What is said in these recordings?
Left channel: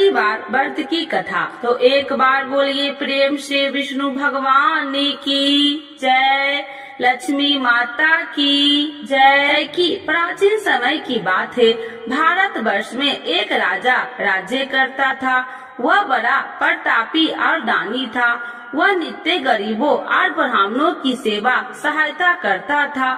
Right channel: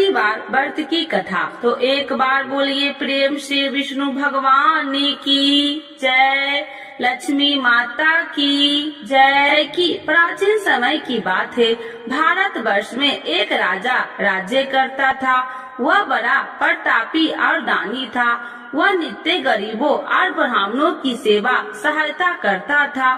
बृहस्पतिवार व्रत की कथा। तो एक बार बोलिए प्रेम से विष्णु भगवान की जय, लक्ष्मी माता की जय। की प्राचीन समय की बात है। भारत वर्ष में एक राजा राज्य करता था। वह बड़ा प्रतापी और दानी था। वह नित्य गरीबों और ब्राह्मणों की सेवा सहायता करता था।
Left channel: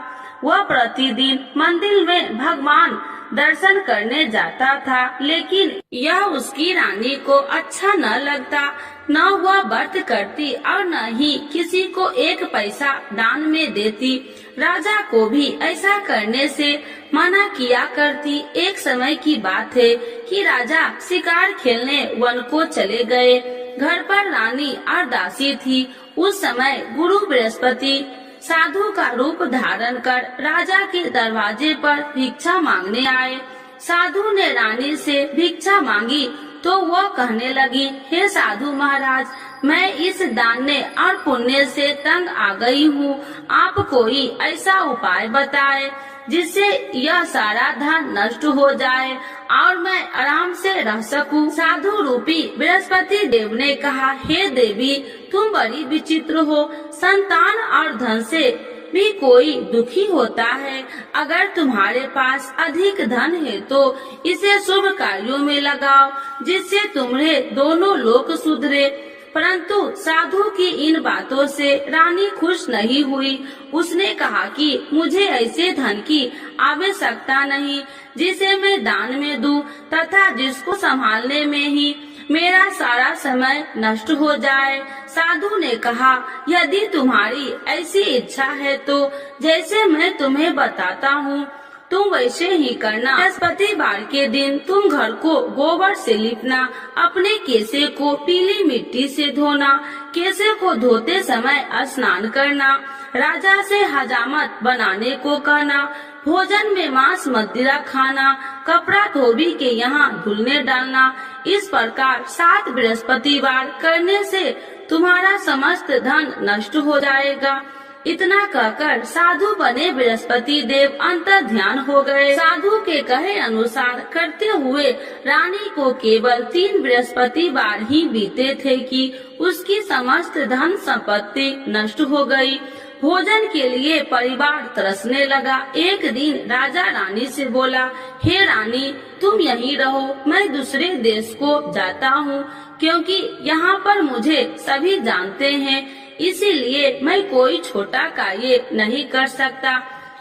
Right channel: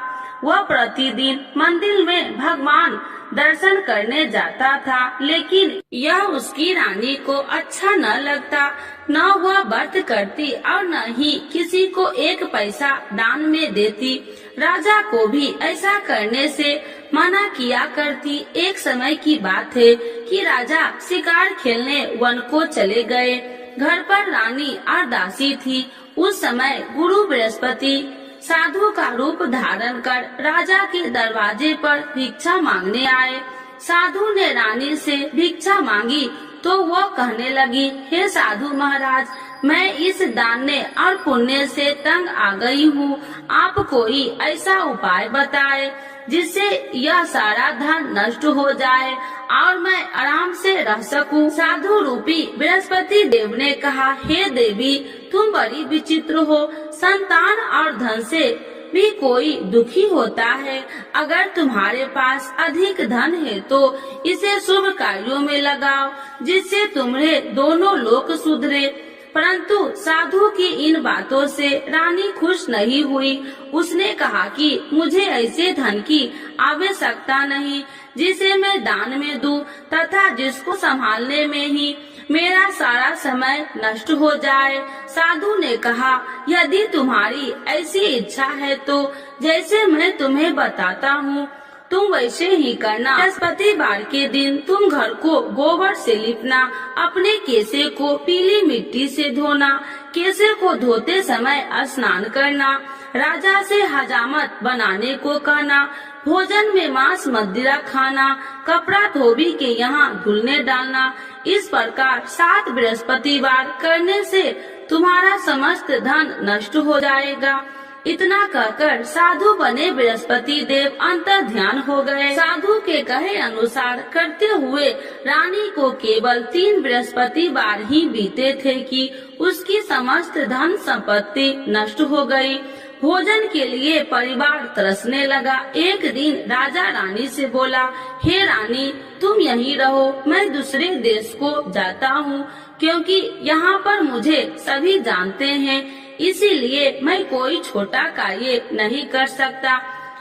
वह प्रतिदिन मंदिर में भगवान दर्शन करने जाता था, लेकिन यह उसकी रानी को अच्छा न लगता। न वह व्रत करती और न ही किसी को एक पैसा दान में देती। राजा को भी ऐसा करने से मना किया करती। एक समय की बात है कि राजा शिकार खेलने वन को चले गए। घर पर रानी और दासी थी। उस समय गुरु बृहस्पति साधु का रूप धारण कर राजा के दरवाजे पर भिक्षा मांगने आए। साधु ने रानी से भिक्षा मांगी तो वह कहने लगी, हे साधु महाराज, मैं इस दान और पुण्य से तंग आ गई हूँ। आप कोई ऐसा उपाय बताए जिससे यह सारा धन नष्ट हो जाए और मैं आराम से रह सकूं। साधु रूपी बृहस्पति देव ने कहा, हे देवी, तुम बड़ी विचित्र हो। संतान और धन से भी कोई दुखी होता है। अगर तुम्हारे पास अधिक धन है तो इसे शुभ कार्यों में लगाओ, जिससे तुम्हारे दोनों लोक सुधरे। परंतु साधु की इन बातों से रानी खुश नहीं हुई। उसने कहा कि मुझे ऐसे धन की आवश्यकता नहीं जिसे मैं दान में दूं तथा जिसको संभालने में ही मेरा सारा समय नष्ट हो जाए। साधु ने कहा, यदि तुम्हारी ऐसी इच्छा है तो जैसे मैं तुम्हें बताता हूँ तुम वैसे ही करना। बृहस्पतिवार के दिन तुम घर को गोबर से लिपना, अपने केसे को पीली मिट्टी से धोना, केसे को धोते समय स्नान करना, राजा से हजामत बनाने को कहना, भोजन में मांस मदिरा खाना, कपड़ा धोबी के यहाँ धुलने डालना। इस प्रकार 7 बृहस्पतिवार करने से तुम्हारा समस्त धन नष्ट हो जाएगा। इतना कहकर साधु बने बृहस्पति देव अंतर ध्यान हो गए। साधु के कहे अनुसार करते हुए रानी को केवल 3 बृहस्पतिवार ही बीते थे कि उसकी समस्त धन संपत्ति नष्ट हो गई। भोजन के लिए परिवार तरसने लगा। एक दिन राजा रानी से बोला, हे रानी, तुम यहीं रहो, मैं दूसरे देश को जाता हूँ, क्योंकि यहाँ पर मुझे सभी जानते हैं, इसीलिए मैं कोई छोटा कार्य नहीं कर सकता।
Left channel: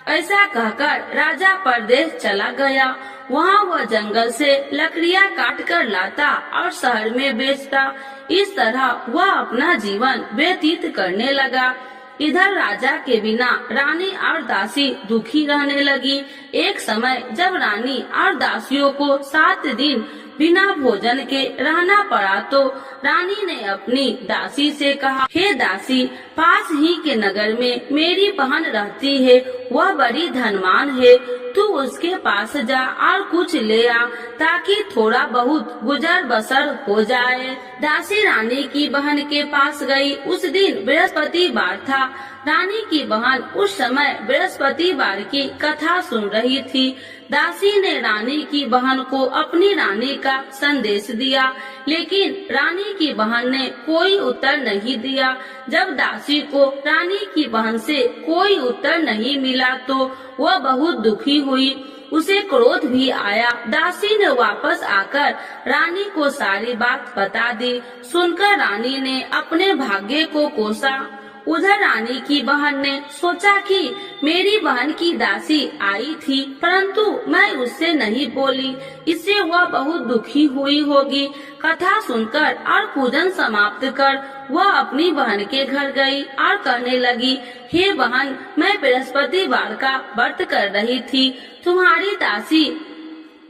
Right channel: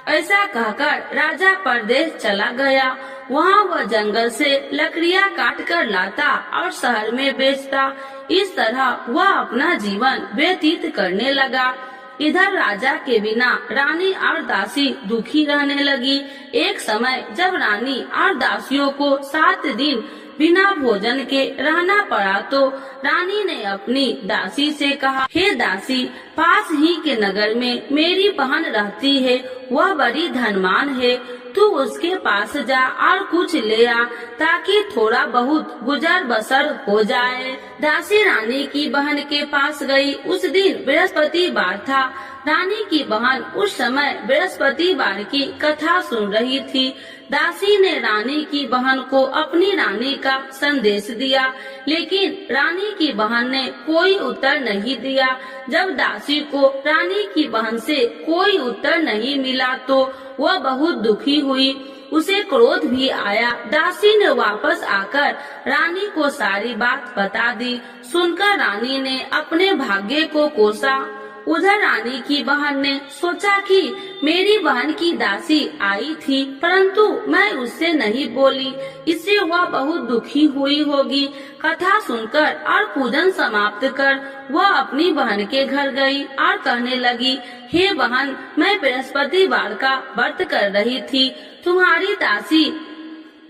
ऐसा कहकर राजा परदेश चला गया। वहाँ वह जंगल से लकड़ियाँ काट कर लाता और शहर में बेचता। इस तरह वह अपना जीवन व्यतीत करने लगा। इधर राजा के बिना रानी और दासी दुखी रहने लगी। एक समय जब रानी और दासियों को 7 दिन बिना भोजन के रहना पड़ा तो रानी ने अपनी दासी से कहा, हे दासी, पास ही के नगर में मेरी बहन रहती है, वह बड़ी धनवान है, तू उसके पास जा और कुछ ले आ ताकि थोड़ा बहुत गुजर बसर हो जाए। दासी रानी की बहन के पास गई। उस दिन बृहस्पतिवार था। रानी की बहन उस समय बृहस्पतिवार की कथा सुन रही थी। दासी ने रानी की बहन को अपनी रानी का संदेश दिया, लेकिन रानी की बहन ने कोई उत्तर नहीं दिया। जब दासी को रानी की बहन से कोई उत्तर नहीं मिला तो वह बहुत दुखी हुई। उसे क्रोध भी आया। दासी ने वापस आकर रानी को सारी बात बता दी। सुनकर रानी ने अपने भाग्य को कोसा। उधर रानी की बहन ने सोचा कि मेरी बहन की दासी आई थी, परंतु मैं उससे नहीं बोली, इससे वह बहुत दुखी हुई होगी। कथा सुनकर और पूजन समाप्त कर वह अपनी बहन के घर गई और कहने लगी, हे बहन, मैं बृहस्पतिवार का व्रत कर रही थी, तुम्हारी दासी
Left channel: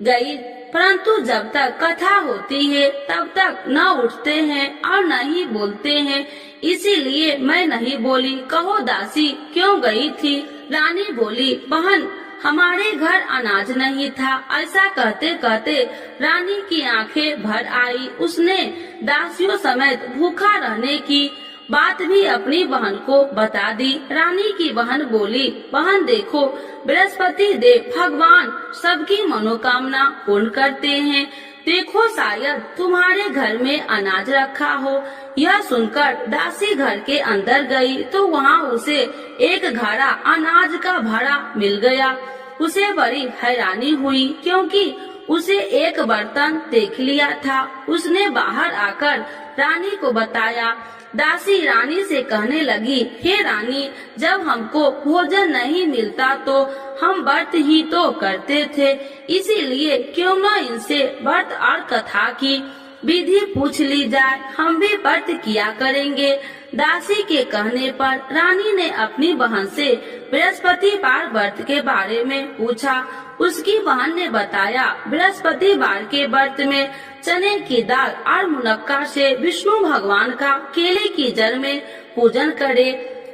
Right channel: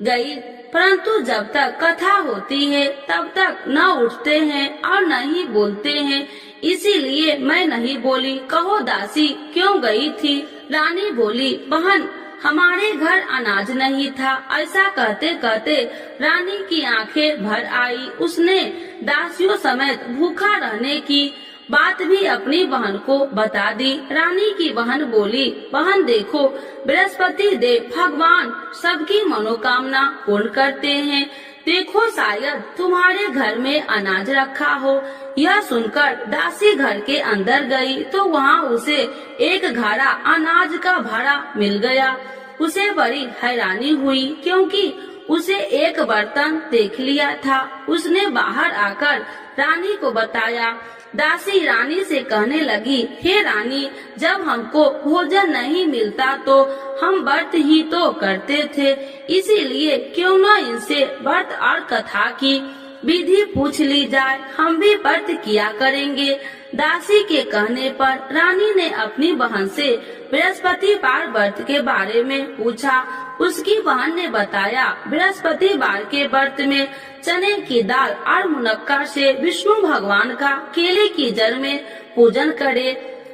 गई, परंतु जब तक कथा होती है तब तक न उठते हैं और न ही बोलते हैं, इसीलिए मैं नहीं बोली। कहो दासी क्यों गई थी? रानी बोली, बहन, हमारे घर अनाज नहीं था। ऐसा कहते कहते रानी की आंखें भर आई। उसने दासियों समेत भूखा रहने की बात भी अपनी बहन को बता दी। रानी की बहन बोली, बहन देखो, बृहस्पति देव भगवान सबकी मनोकामना पूर्ण करते हैं। देखो शायद तुम्हारे घर में अनाज रखा हो। यह सुनकर दासी घर के अंदर गई तो वहाँ उसे एक घड़ा अनाज का भरा मिल गया। उसे बड़ी हैरानी हुई क्योंकि उसे एक बर्तन देख लिया था। उसने बाहर आकर रानी को बताया। दासी रानी से कहने लगी, हे रानी, जब हमको भोजन नहीं मिलता तो हम व्रत ही तो करते थे, इसीलिए क्यों न इनसे व्रत और कथा की विधि पूछ ली जाए, हम भी व्रत किया करेंगे। दासी के कहने पर रानी ने अपनी बहन से बृहस्पतिवार व्रत के बारे में पूछा। उसकी बहन ने बताया, बृहस्पतिवार के व्रत में चने की दाल और मुनक्का से विष्णु भगवान का केले की जड़ में पूजन करे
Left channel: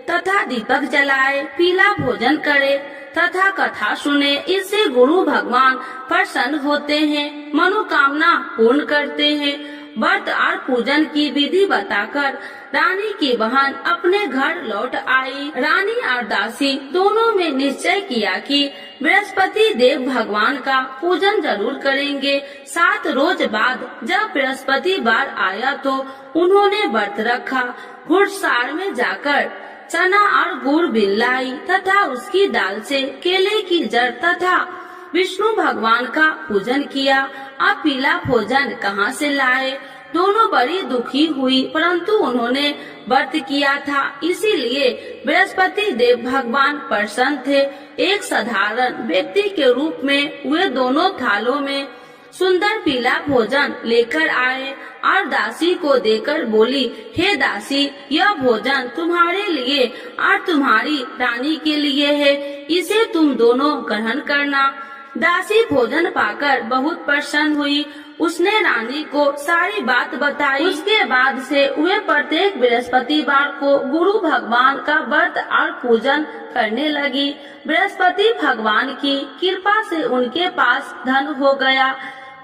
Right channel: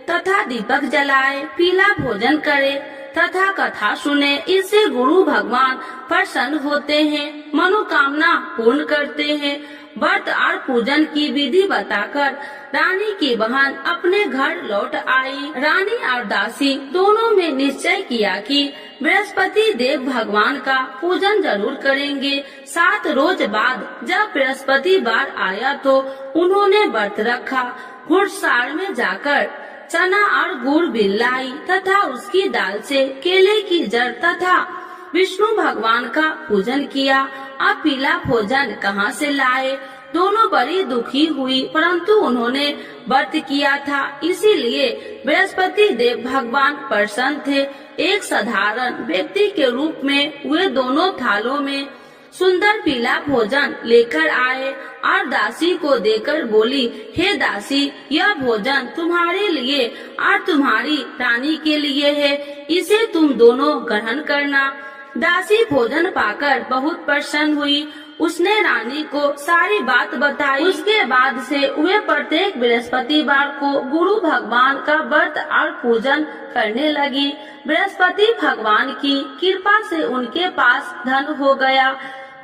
तथा दीपक जलाए, पीला भोजन करे तथा कथा सुने। इससे गुरु भगवान प्रसन्न होते हैं, मनोकामना पूर्ण करते हैं। व्रत और पूजन की विधि बताकर रानी की बहन अपने घर लौट आई। रानी और दासी दोनों में निश्चय किया कि बृहस्पति देव भगवान का पूजन जरूर करेंगे। 7 रोज बाद जब बृहस्पतिवार आया तो उन्होंने व्रत रखा। घुड़सार में जाकर चना और गुड़ बिल लाई तथा उसकी दाल से केले की जड़ तथा विष्णु भगवान का पूजन किया। अब पीला भोजन कहाँ से लाए? दोनों बड़ी दुखी हुई, परंतु उन्होंने व्रत किया था, इसीलिए बृहस्पति देव भगवान प्रसन्न थे। एक साधारण व्यक्ति के रूप में वे दोनों थालों में सुंदर पीला भोजन लेकर आए और दासी को देकर बोली, हे दासी, यह भोजन तुम्हारे लिए और तुम्हारी रानी के लिए है, इसे तुम दोनों ग्रहण करना। दासी भोजन पाकर बहुत प्रसन्न हुई। उसने रानी को सारी बात बताई। उसके बाद से वे प्रत्येक बृहस्पतिवार को गुरु भगवान का व्रत और पूजन करने लगी। बृहस्पति भगवान की कृपा से उनके पास धन हो गया,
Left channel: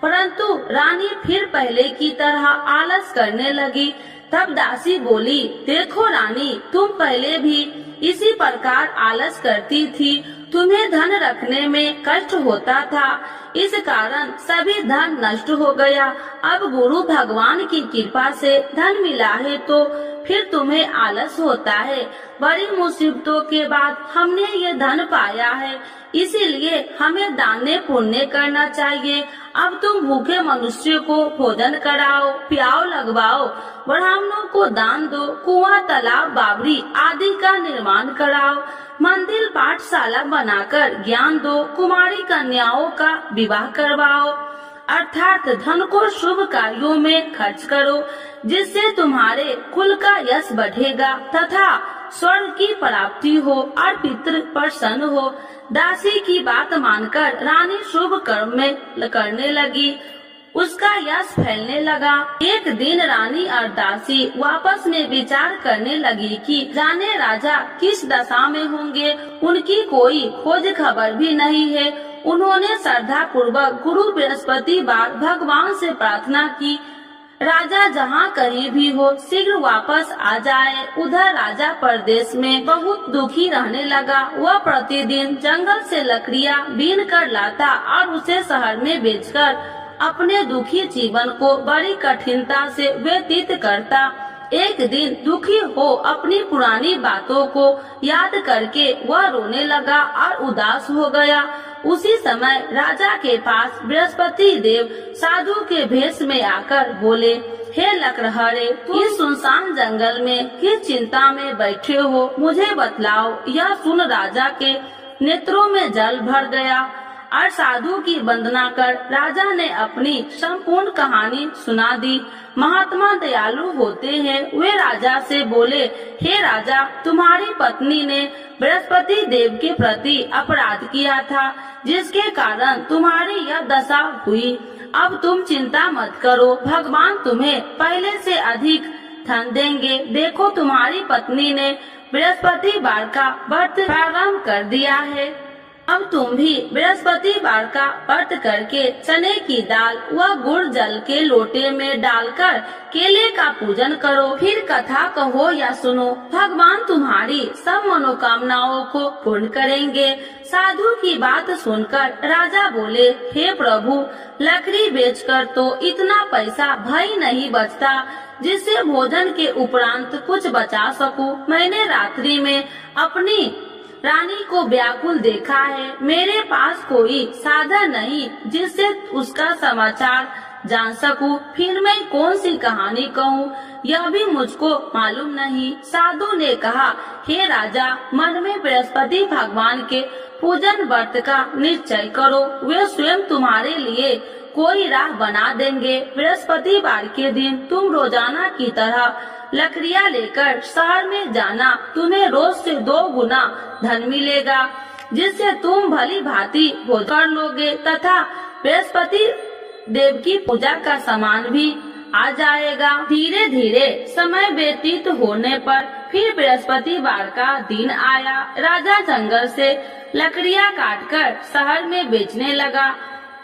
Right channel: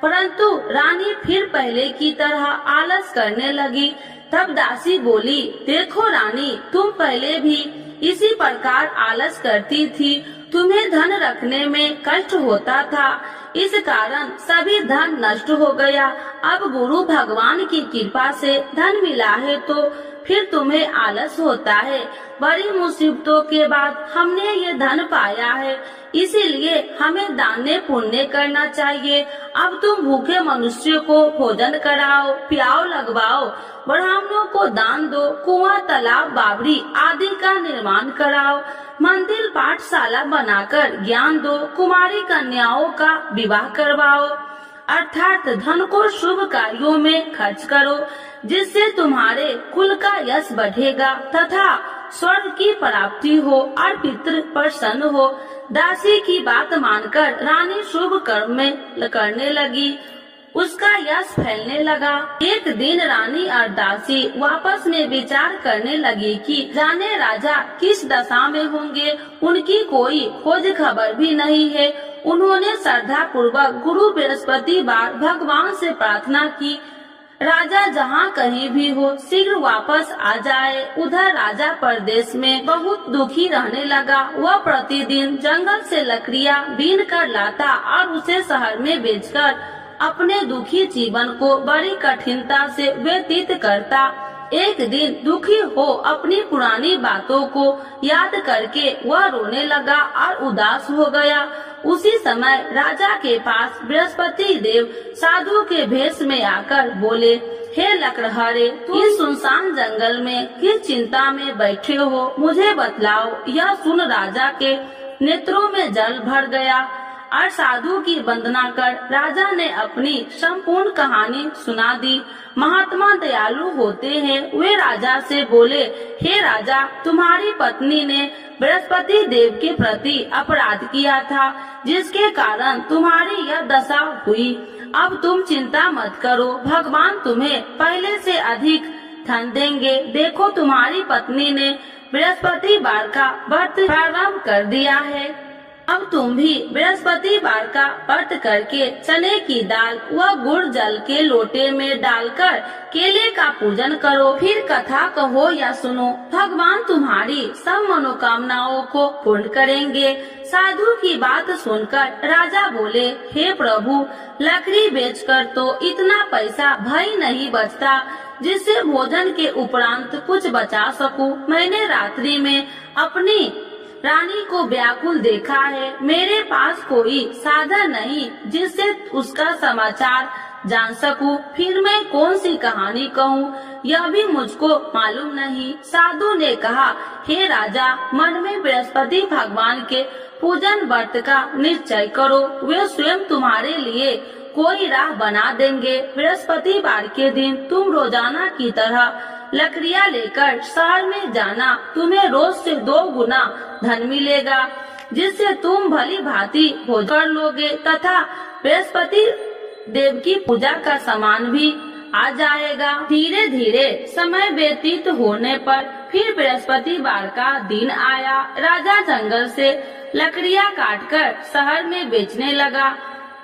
परंतु रानी फिर पहले की तरह आलस करने लगी। तब दासी बोली, देखो रानी, तुम पहले भी इसी प्रकार आलस करती थी, तुम्हें धन रखने में कष्ट होता था, इस कारण सभी धन नष्ट हो गया। अब गुरु भगवान की कृपा से धन मिला है तो फिर तुम्हें आलस होता है। बड़ी मुसीबतों के बाद हमने ये धन पाया है, इसीलिए हमें दान पुण्य करना चाहिए। अब तुम भूखे मनुष्यों को भोजन कराओ, प्याव लगवाओ, ब्राह्मणों को दान दो, कुआं, तालाब, बावड़ी आदि का निर्माण कराओ, मंदिर, पाठशाला बनाकर ज्ञान दो, कुमारी कन्याओं का विवाह करवाओ, अर्थात धन को शुभ कार्यों में खर्च करो, जिससे तुम्हारे कुल का यश बढ़ेगा तथा स्वर्ग की प्राप्ति हो और पितृ प्रसन्न हो। दासी की बात मानकर रानी शुभ कर्म में करने लगी, उसका यश फैलने लगा। एक दिन रानी और दासी आपस में विचार करने लगी कि जाने राजा किस दशा में होंगे, उनकी कोई खोज खबर भी नहीं है। उन्होंने श्रद्धा पूर्वक गुरु बृहस्पतिवार भगवान से प्रार्थना की, राजा जहाँ कहीं भी हो शीघ्र वापस आ जाए। उधर राजा परदेश में बहुत दुखी रहने लगा। वह प्रतिदिन जंगल से लकड़ियाँ बीन कर लाता और उसे शहर में बेचकर अपने दुखी जीवन को बड़ी कठिनता से व्यतीत करता। एक दिन दुखी हो अपनी पुरानी बातों को याद करके वह रोने लगा और उदास हो गया। उसी समय राजा के पास बृहस्पति देव साधु के भेष में आकर बोले, हे लकड़हारे, तुम इस सुनसान जंगल में किस चिंता में बैठे हो, मुझे बतलाओ। यह सुन राजा के नेत्रों में जल भर गया और साधु की वंदना कर राजा ने अपनी संपूर्ण कहानी सुना दी। महात्मा दयालु होते हैं। वे राजा से बोले, हे राजा, तुम्हारी पत्नी ने बृहस्पति देव के प्रति अपराध किया था, जिसके कारण तुम्हारी यह दशा हुई। अब तुम चिंता मत करो, भगवान तुम्हें पहले से अधिक धन देंगे। देखो, तुम्हारी पत्नी ने बृहस्पतिवार का व्रत प्रारंभ कर दिया है। अब तुम भी बृहस्पतिवार का व्रत करके चने की दाल व गुड़ जल के लोटे में डालकर केले का पूजन करो। फिर कथा कहो या सुनो, भगवान तुम्हारी सब मनोकामनाओं को पूर्ण करेंगे। साधु की बात सुनकर राजा बोले, हे प्रभु, लकड़ी बेचकर तो इतना पैसा भई नहीं बचता जिससे भोजन के उपरांत कुछ बचा सकूं। मैंने रात्रि में अपनी रानी को व्याकुल देखा है। मेरे पास कोई साधन नहीं जिससे उसका समाचार जान सकूं। फिर मैं कौन सी कहानी कहूँ, यह भी मुझको मालूम नहीं। साधु ने कहा, हे राजा, मन में बृहस्पति भगवान के पूजन व्रत का निश्चय करो, वे स्वयं तुम्हारे लिए कोई राह बना देंगे। बृहस्पतिवार के दिन तुम रोजाना की तरह लकड़ियाँ लेकर शहर में जाना। तुम्हें रोज से 2 गुना धन मिलेगा, जिससे तुम भली भांति भोजन कर लोगे तथा बृहस्पति देव की पूजा का सामान भी आ जाएगा। धीरे धीरे समय व्यतीत होने पर फिर बृहस्पतिवार का दिन आया। राजा जंगल से लकड़ियाँ काटकर शहर में बेचने लगा।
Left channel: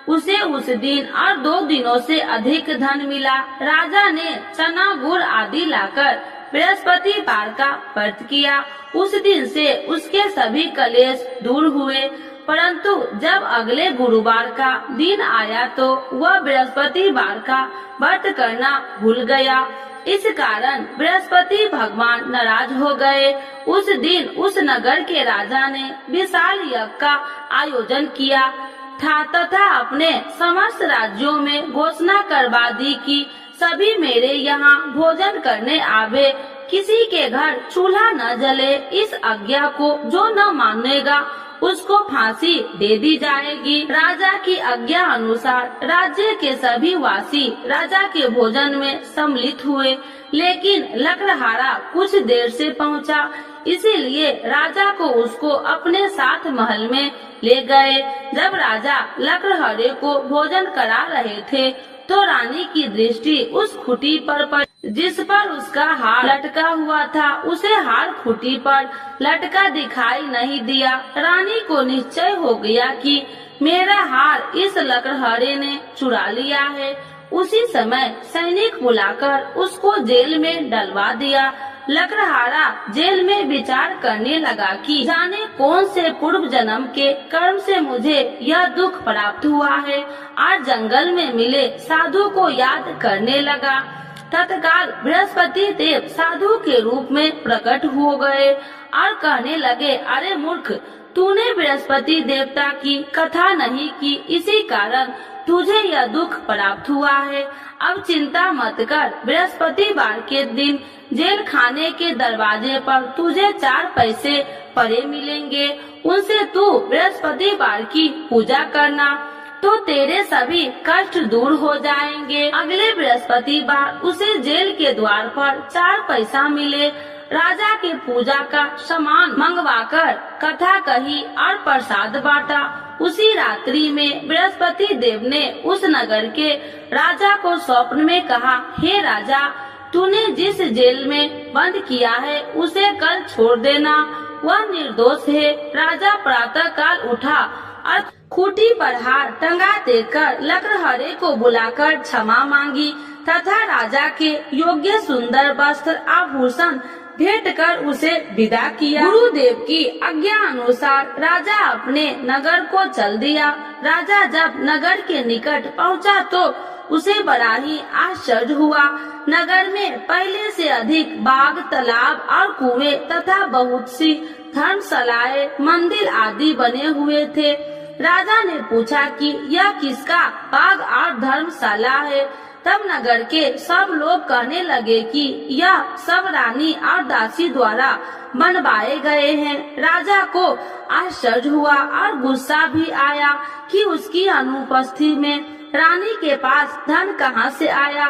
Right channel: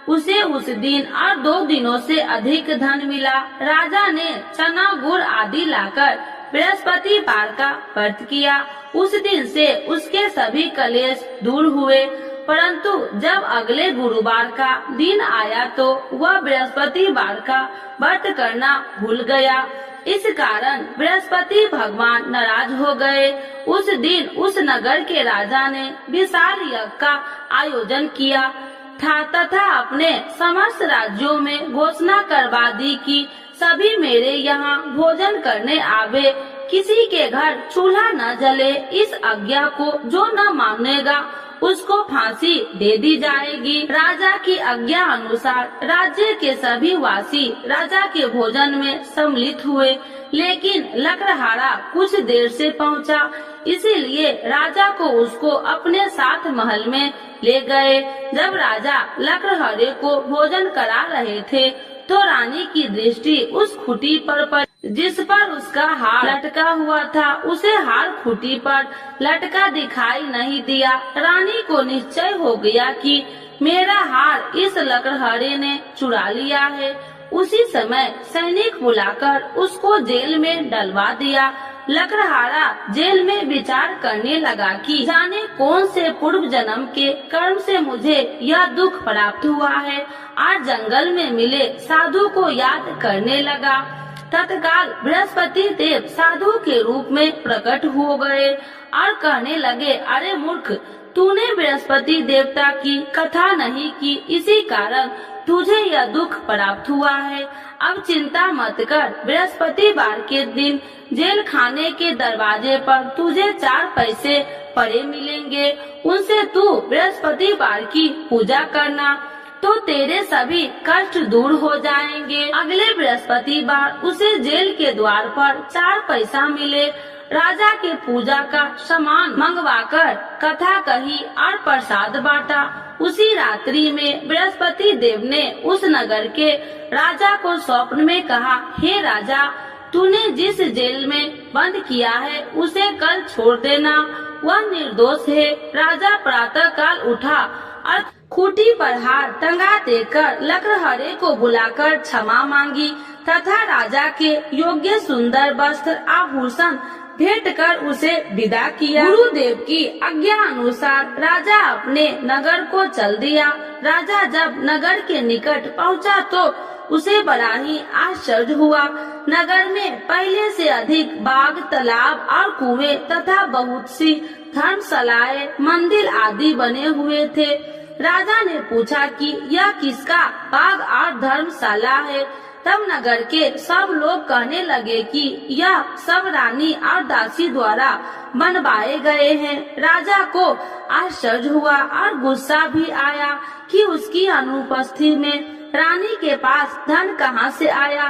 उसे उस दिन और 2 दिनों से अधिक धन मिला। राजा ने चना गुड़ आदि लाकर बृहस्पतिवार का व्रत किया। उस दिन से उसके सभी कलेश दूर हुए। परंतु जब अगले गुरुवार का दिन आया तो वह बृहस्पतिवार का व्रत करना भूल गया। इस कारण बृहस्पति भगवान नाराज हो गए। उस दिन उस नगर के राजा ने विशाल यज्ञ का आयोजन किया था तथा अपने समस्त राज्यों में घोषणा करवा दी कि सभी मेरे यहाँ भोजन करने आवे, किसी के घर चूल्हा न जले। इस आज्ञा को जो न मानेगा उसको फांसी दे दी जाएगी। राजा की आज्ञा अनुसार राज्य के सभी वासी राजा के भोजन में सम्मिलित हुए, लेकिन लकड़हारा कुछ देर से पहुंचा, इसीलिए राजा को उसको अपने साथ महल में ले गए। जब राजा लकड़हारे को भोजन करा रहे थे तो रानी की दृष्टि उस खूंटी पर पड़ी जिस पर उसका हार लटका हुआ था। उसे हार खूंटी पर लटका दिखाई नहीं दिया। रानी को निश्चय हो गया कि मेरा हार इस लकड़हारे ने चुरा लिया है। उसी समय सैनिक बुलाकर उसको जेल में डलवा दिया। लकड़हारा जेल में विचार करने लगा कि जाने कौन से पूर्व जन्म के कर्म से मुझे यह दुख प्राप्त हुआ है। आज जंगल में मिले साधु को याद करने लगा। तत्काल बृहस्पति देव साधु के रूप में प्रकट हो गए और कहने लगे, अरे मूर्ख, तूने बृहस्पति देवता की कथा नहीं की, इसी कारण तुझे यह दुख प्राप्त हुआ है। अब चिंता मत कर, बृहस्पतिवार के दिन जेल खाने के दरवाजे पर तुझे 4 पैसे पड़े मिलेंगे। उनसे तू बृहस्पतिवार की पूजा करना तो तेरे सभी कष्ट दूर हो जाएंगे। अगले बृहस्पतिवार उसे जेल के द्वार पर 4 पैसा मिले। राजा के पूजा का सामान मंगवाकर कथा कही और प्रसाद बांटा। उसी रात्रि में बृहस्पति देव ने उस नगर के राजा को स्वप्न में कहा, हे राजा, तूने जिस जेल में बंद किया है उसे कल छोड़ देना, वह निर्दोष है। राजा प्रातः काल उठा और खूंटी पर हार टंगा देकर लकड़हारे को बुलाकर क्षमा मांगी तथा राजा के योग्य सुंदर वस्त्र आभूषण भेंट कर उसे विदा किया। गुरुदेव की आज्ञा अनुसार राजा अपने नगर को चल दिया। राजा जब नगर के निकट पहुंचा तो उसे बड़ा ही आश्चर्य हुआ। नगर में पहले से अधिक बाग, तालाब और कुएं तथा बहुत सी धर्मशालाएं, मंदिर आदि बने हुए थे। राजा ने पूछा कि यह किसका बाग और धर्मशाला है। तब नगर के सब लोग कहने लगे कि यह सब रानी और दासी द्वारा बनवाए गए हैं। राजा को आश्चर्य हुआ और गुस्सा भी आया कि उसकी अनुपस्थिति में रानी के पास धन कहां से आया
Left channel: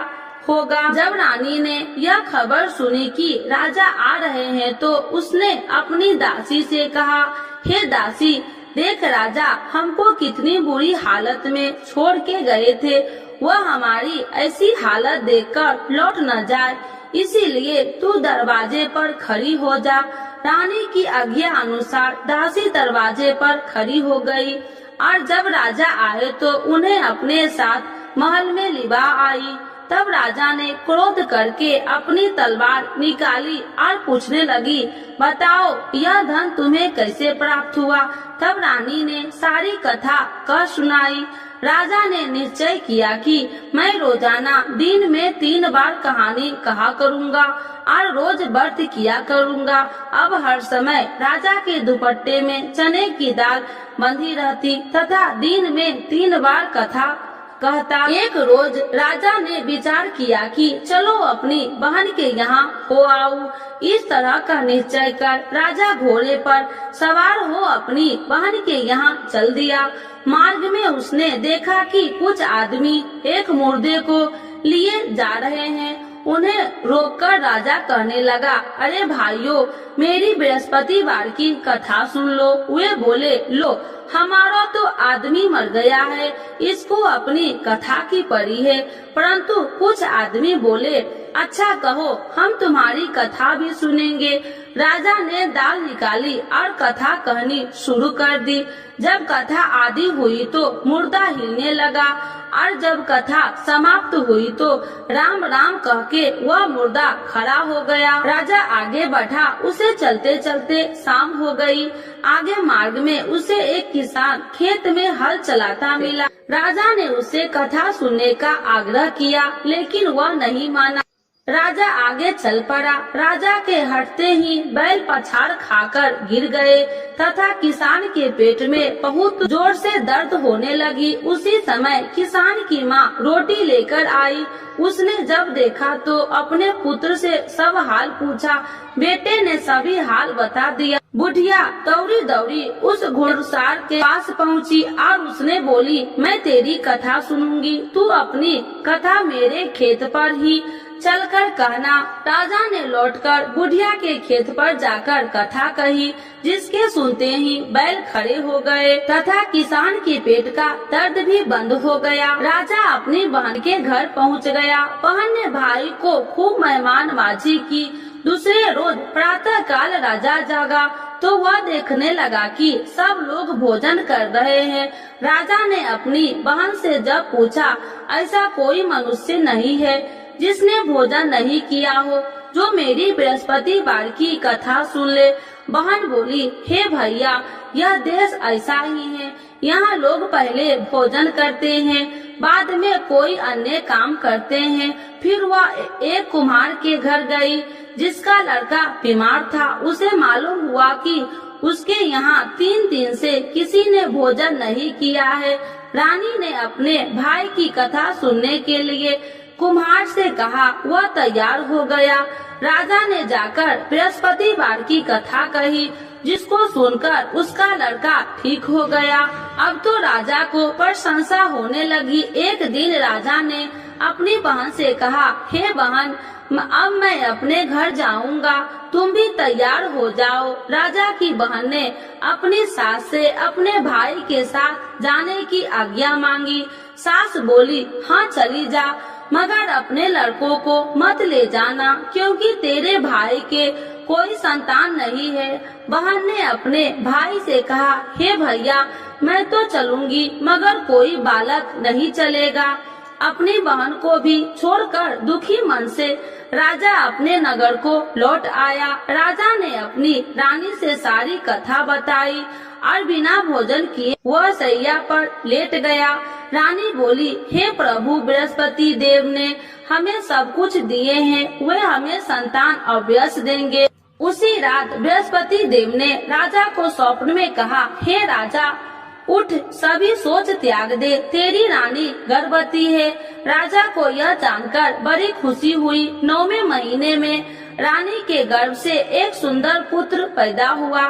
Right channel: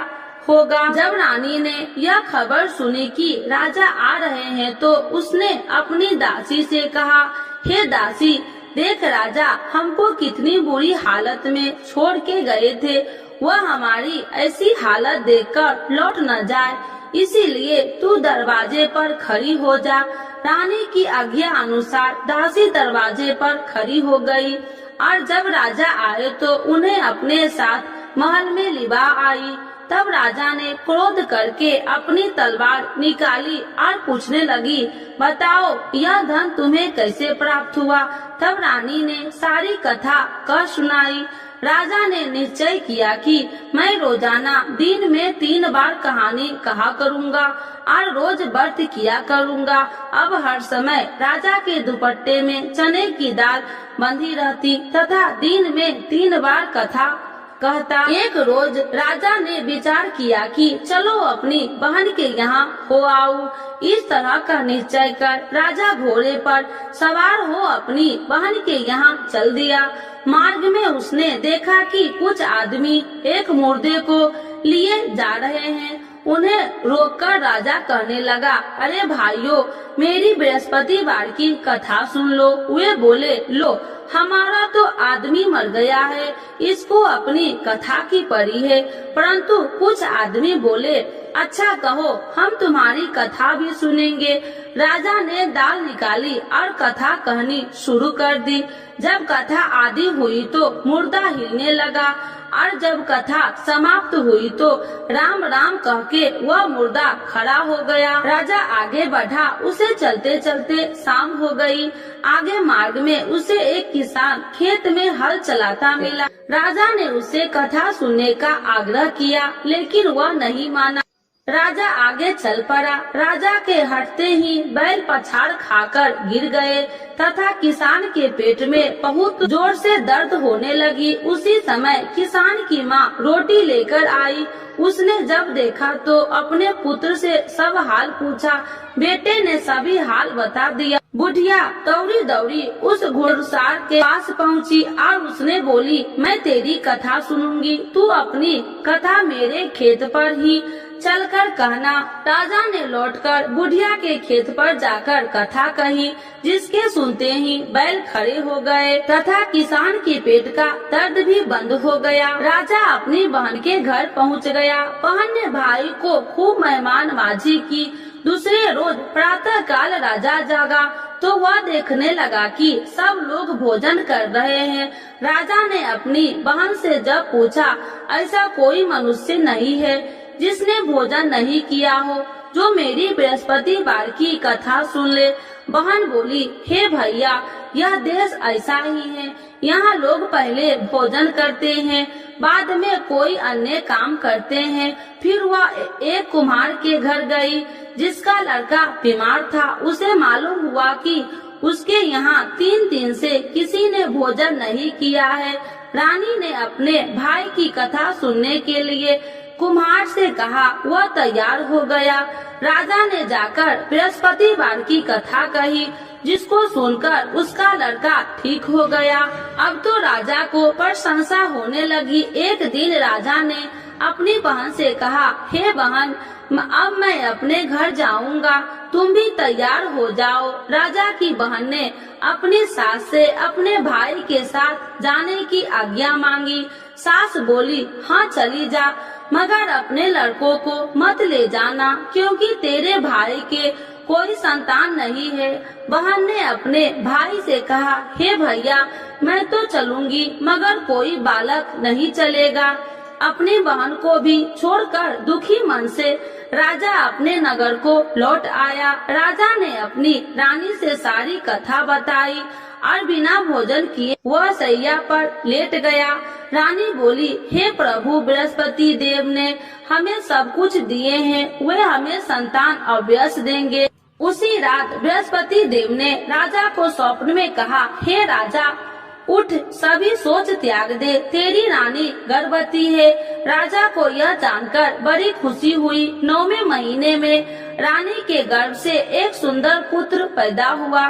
होगा। जब रानी ने यह खबर सुनी कि राजा आ रहे हैं तो उसने अपनी दासी से कहा, हे दासी, देख राजा हमको कितनी बुरी हालत में छोड़ के गए थे, वह हमारी ऐसी हालत देखकर लौट न जाए, इसीलिए तू दरवाजे पर खड़ी हो जा। रानी की आज्ञा अनुसार दासी दरवाजे पर खड़ी हो गई और जब राजा आए तो उन्हें अपने साथ महल में लिवा आई। तब राजा ने क्रोध करके अपनी तलवार निकाली और पूछने लगी, बताओ यह धन तुम्हें कैसे प्राप्त हुआ। तब रानी ने सारी कथा कह सुनाई। राजा ने निश्चय किया कि मैं रोजाना दिन में 3 बार कहानी कहा करूँगा और रोज व्रत किया करूँगा। अब हर समय राजा के दुपट्टे में चने की दाल बंधी रहती तथा दिन में 3 बार कथा कहता। एक रोज राजा ने विचार किया कि चलो अपनी बहन के यहाँ हो आऊं। इस तरह का निश्चय कर राजा घोड़े पर सवार हो अपनी बहन के यहाँ चल दिया। मार्ग में उसने देखा कि कुछ आदमी एक मुर्दे को लिए जा रहे हैं। उन्हें रोककर राजा कहने लगा, अरे भाइयों, मेरी बृहस्पतिवार की कथा सुन लो। वे बोले, लो हमारा तो आदमी मर गया है, इसको अपनी कथा की पड़ी है। परंतु कुछ आदमी बोले, अच्छा कहो, हम तुम्हारी कथा भी सुनेंगे। राजा ने दाल निकाली और कथा कहनी शुरू कर दी। जब कथा आदि हुई तो मुर्दा हिलने लगा और जब कथा समाप्त हुई तो राम राम कह के वह मुर्दा खड़ा हो गया। राजा आगे बढ़ा, उसे चलते चलते शाम हो गई। आगे मार्ग में उसे एक किसान खेत में हल चलाता मिला। राजा ने उसे कथा सुनने का आग्रह किया, लेकिन वह नहीं माना। राजा आगे चल पड़ा। राजा के हटते ही बैल पछाड़ खाकर गिर गए तथा किसान के पेट में बहुत जोर से दर्द होने लगी। उसी समय किसान की माँ रोटी लेकर आई। उसने जब देखा तो अपने पुत्र से सब हाल पूछा। बेटे ने सभी हाल बता दिया। बुढ़िया दौड़ी दौड़ी उस घुड़सवार के पास पहुँची और उसने बोली, मैं तेरी कथा सुनूंगी, तू अपनी कथा मेरे खेत पर ही चलकर कहना। राजा ने लौटकर बुढ़िया के खेत पर जाकर कथा कही, जिसके सुनते ही बैल खड़े हो गए तथा किसान के पेट का दर्द भी बंद हो गया। राजा अपनी बहन के घर पहुंच गया। बहन ने भाई को खूब मेहमानबाजी की। दूसरे रोज प्रातः काल राजा जागा तो वह देखने लगा कि सब लोग भोजन कर रहे हैं। राजा ने अपनी बहन से जब पूछा, ऐसा कोई मनुष्य नहीं है जिसने भोजन नहीं किया हो, जो मेरी बृहस्पतिवार की कथा सुन ले। बहन बोली, हे भैया, यह देश ऐसा ही है। यहाँ लोग पहले भोजन करते हैं, बाद में कोई अन्य काम करते हैं। फिर वह एक कुम्हार के घर गई, जिसका लड़का बीमार था। उसे मालूम हुआ कि उसके यहाँ 3 दिन से किसी ने भोजन नहीं किया है। रानी ने अपने भाई की कथा सुनने के लिए कुम्हार से कहा। वह तैयार हो गया। राजा ने जाकर बृहस्पतिवार की कथा कही, जिसको सुनकर उसका लड़का ठीक हो गया। अब तो राजा को प्रशंसा होने लगी। एक दिन राजा ने अपनी बहन से कहा, हे बहन, अब मैं अपने घर जाऊंगा, तुम भी तैयार हो जाओ। राजा की बहन ने अपनी सास से अपने भाई के साथ जाने की आज्ञा मांगी। सास बोली, हाँ चली जा, मगर अपने लड़कों को मत ले जाना, क्योंकि तेरे भाई के कोई संतान नहीं है। बहन ने अपने भाई से कहा, हे भैया, मैं तो चलूंगी, मगर कोई बालक नहीं चलेगा। अपनी बहन को भी छोड़कर दुखी मन से राजा अपने नगर को लौट आया। राजा ने अपनी रानी से सारी कथा बताई और बिना भोजन किए वह सैया पर लेट गया। रानी बोली, हे प्रभु, बृहस्पति देव ने हमें सब कुछ दिए हैं, वे हमें संतान अवश्य देंगे। उसी रात बृहस्पति देव ने राजा को स्वप्न में कहा, हे राजा, उठ, सभी सोच त्याग दे, तेरी रानी गर्भवती है। राजा को यह जानकर बड़ी खुशी हुई। 9वें महीने में रानी के गर्भ से एक सुंदर पुत्र पैदा हुआ।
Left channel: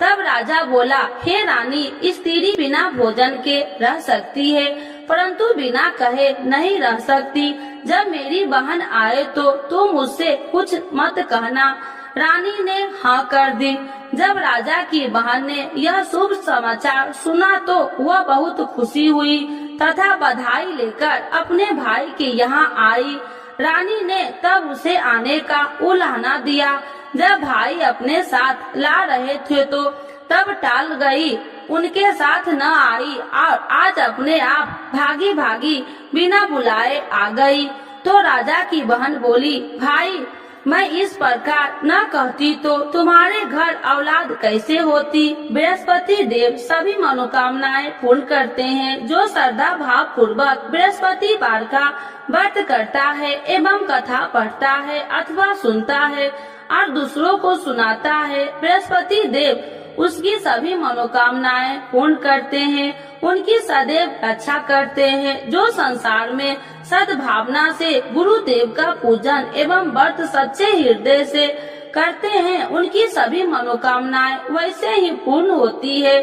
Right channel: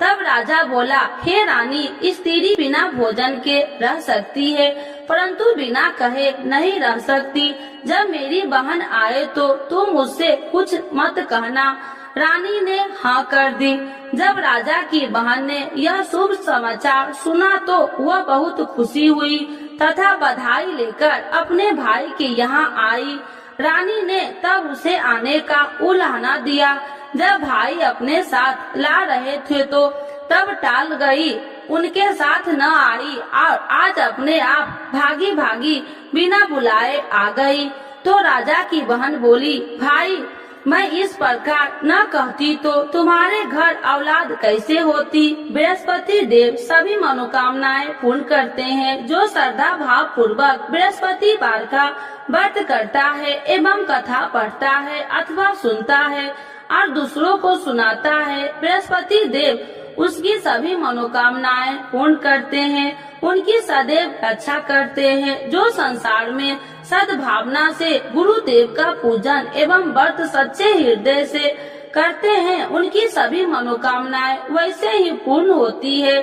तब राजा बोला, हे रानी, स्त्री बिना भोजन के रह सकती है, परंतु बिना कहे नहीं रह सकती। जब मेरी बहन आए तो तुम उससे कुछ मत कहना। रानी ने हाँ कर दी। जब राजा की बहन ने यह शुभ समाचार सुना तो वह बहुत खुशी हुई तथा बधाई लेकर अपने भाई के यहाँ आई। रानी ने तब उसे आने का उलाहना दिया। जब भाई अपने साथ ला रहे थे तो तब टाल गई, उनके साथ न आई और आज अपने आप भागी भागी बिना बुलाए आ गई। तो राजा की बहन बोली, भाई मैं इस प्रकार न कहती तो तुम्हारे घर औलाद कैसे होती। बृहस्पति देव सभी मनोकामनाएं पूर्ण करते हैं। जो श्रद्धा भाव पूर्वक बृहस्पति वार का व्रत करता है एवं कथा पढ़ता है अथवा सुनता है और दूसरों को सुनाता है, बृहस्पति देव उसकी सभी मनोकामनाएं पूर्ण करते हैं, उनकी सदैव रक्षा करते हैं। जो संसार में सद्भावना से गुरुदेव का पूजन एवं व्रत सच्चे हृदय से करते हैं, उनकी सभी मनोकामनाएं वैसे ही पूर्ण होती है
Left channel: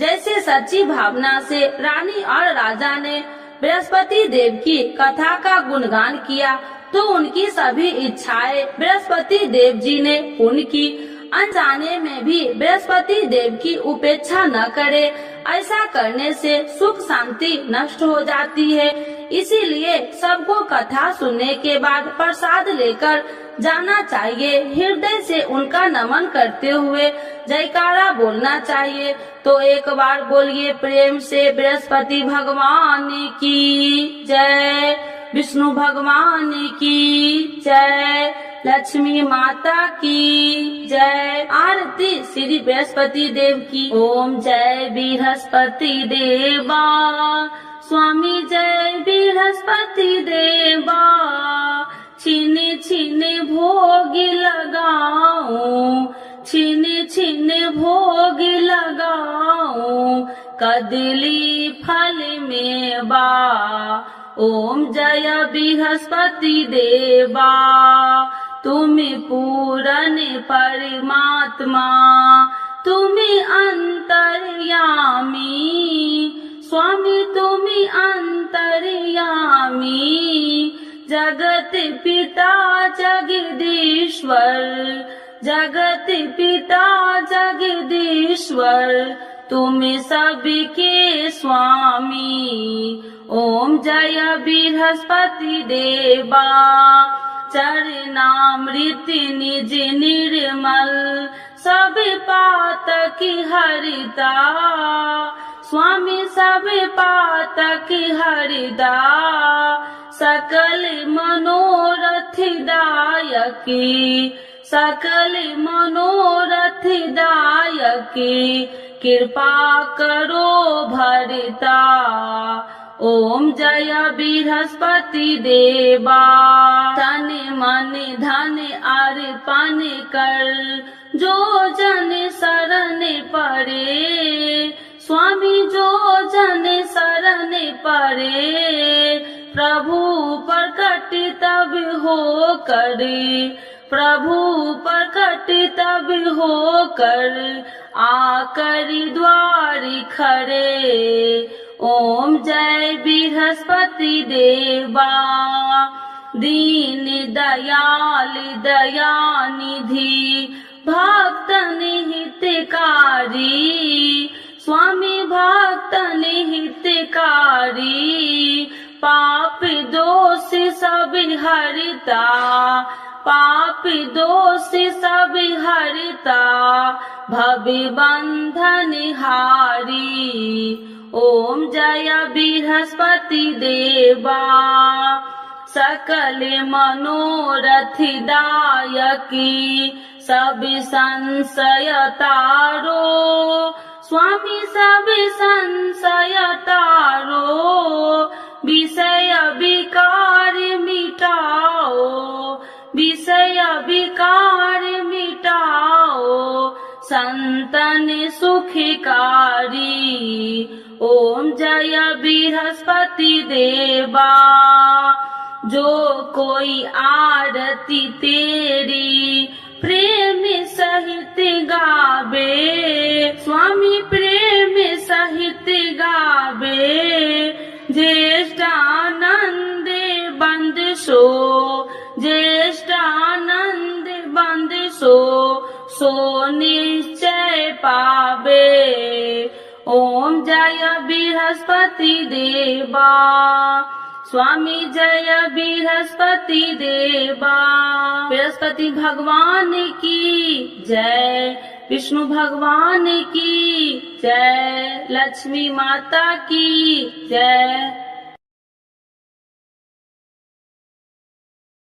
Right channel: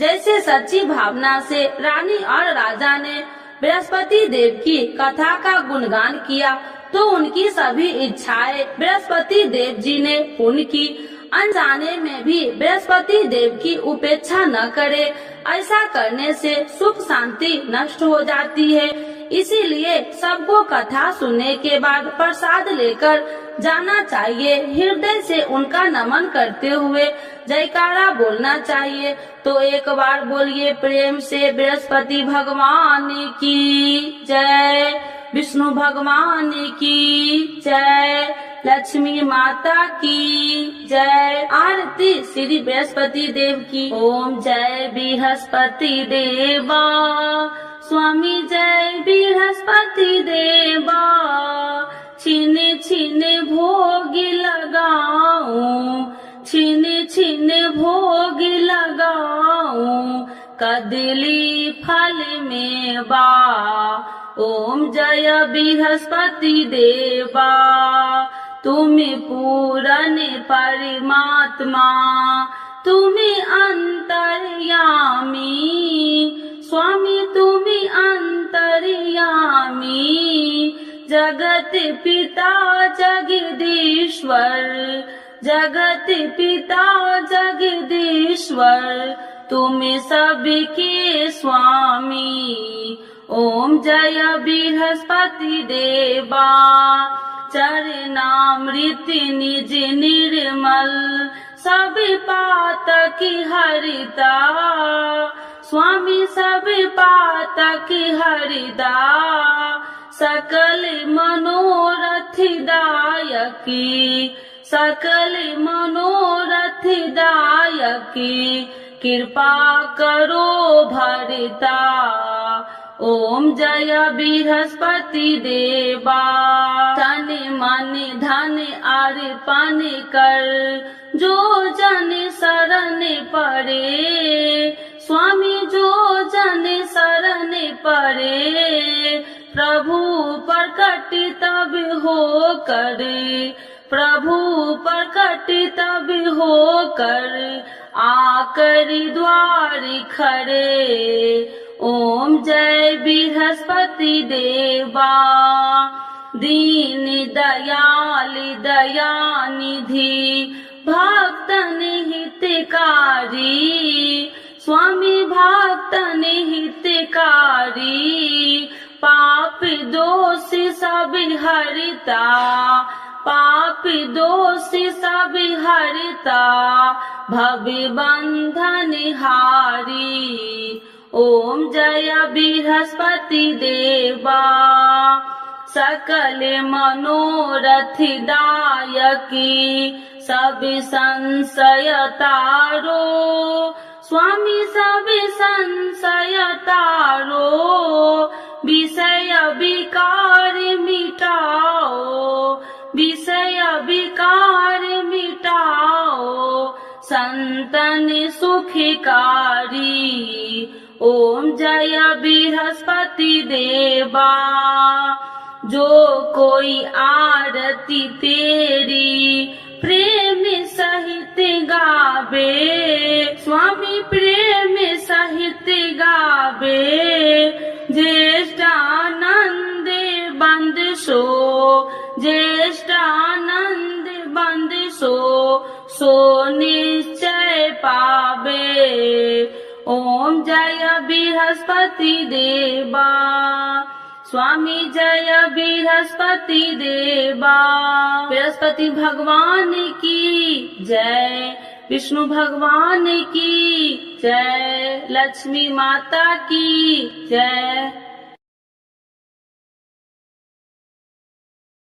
जैसे सच्ची भावना से रानी और राजा ने बृहस्पति देव की कथा का गुणगान किया तो उनकी सभी इच्छाएं बृहस्पति देव जी ने पूर्ण की। अनजाने में भी बृहस्पति देव की उपेक्षा न करे, ऐसा करने से सुख शांति नष्ट हो जाती है। इसीलिए सबको कथा सुनने के बाद प्रसाद लेकर जाना चाहिए। हृदय से उनका नमन करते हुए जयकारा बोलना चाहिए। तो एक बार बोलिए प्रेम से बृहस्पति भगवान की जय, विष्णु भगवान की जय, लक्ष्मी माता की जय। आरती श्री बृहस्पति देव की। ओम जय बृहस्पति देवा, स्वामी जय बृहस्पति देवा, छीने छीने भोग लगाऊं, छीने छीने भोग लगाऊं, कदली फल में बा। ओम जय बृहस्पति देवा, तुम्हें पूरन परमात्मा, तुम्हें अंतर्यामी, स्वामी तुम्हें अंतर्यामी, जगत पिता जगदीश्वर, जगत पिता जगदीश्वर, तुम्हें सबके स्वामी। ओम जय बृहस्पति देवा, चरणामृत निज निर्मल, सब पातक हरिता, स्वामी सब पातक हरिदा, सकल मनोरथ दायकी, सकल मनोरथ दायकी, कृपा करो भरता। ओम जय बृहस्पति देवा, तन मन धन अर्पण कर, जो जन शरण पड़े, स्वामी जो जन शरण पड़े, प्रभु प्रकट तब हो करे, प्रभु प्रकट तब हो कर, आकर द्वार खड़े। ओम जय बृहस्पति देवा, दीन दयाल दयानिधि, भक्तन हितकारी, स्वामी भक्तन हितकारी, पाप दोष सब हरता, पाप दोष सब हरता, भव बंधन हारी। ओम जय बृहस्पति देवा, सकल मनोरथ दायकी, सब संशय तारो, स्वामी सब संशय तारो, विषय विकार मिटाओ, विषय विकार मिटाओ, संतन सुखकारी। ओम जय बृहस्पति देवा, जो कोई आरती तेरी प्रेम सहित गावे, स्वामी प्रेम सहित गावे, ज्येष्ठानंद बंद सो, ज्येष्ठानंद बंद सो, सो निश्चय पावे। ओम जय बृहस्पति देवा, स्वामी जय बृहस्पति देवा। बृहस्पति भगवान की जय, विष्णु भगवान की जय, लक्ष्मी माता की जय।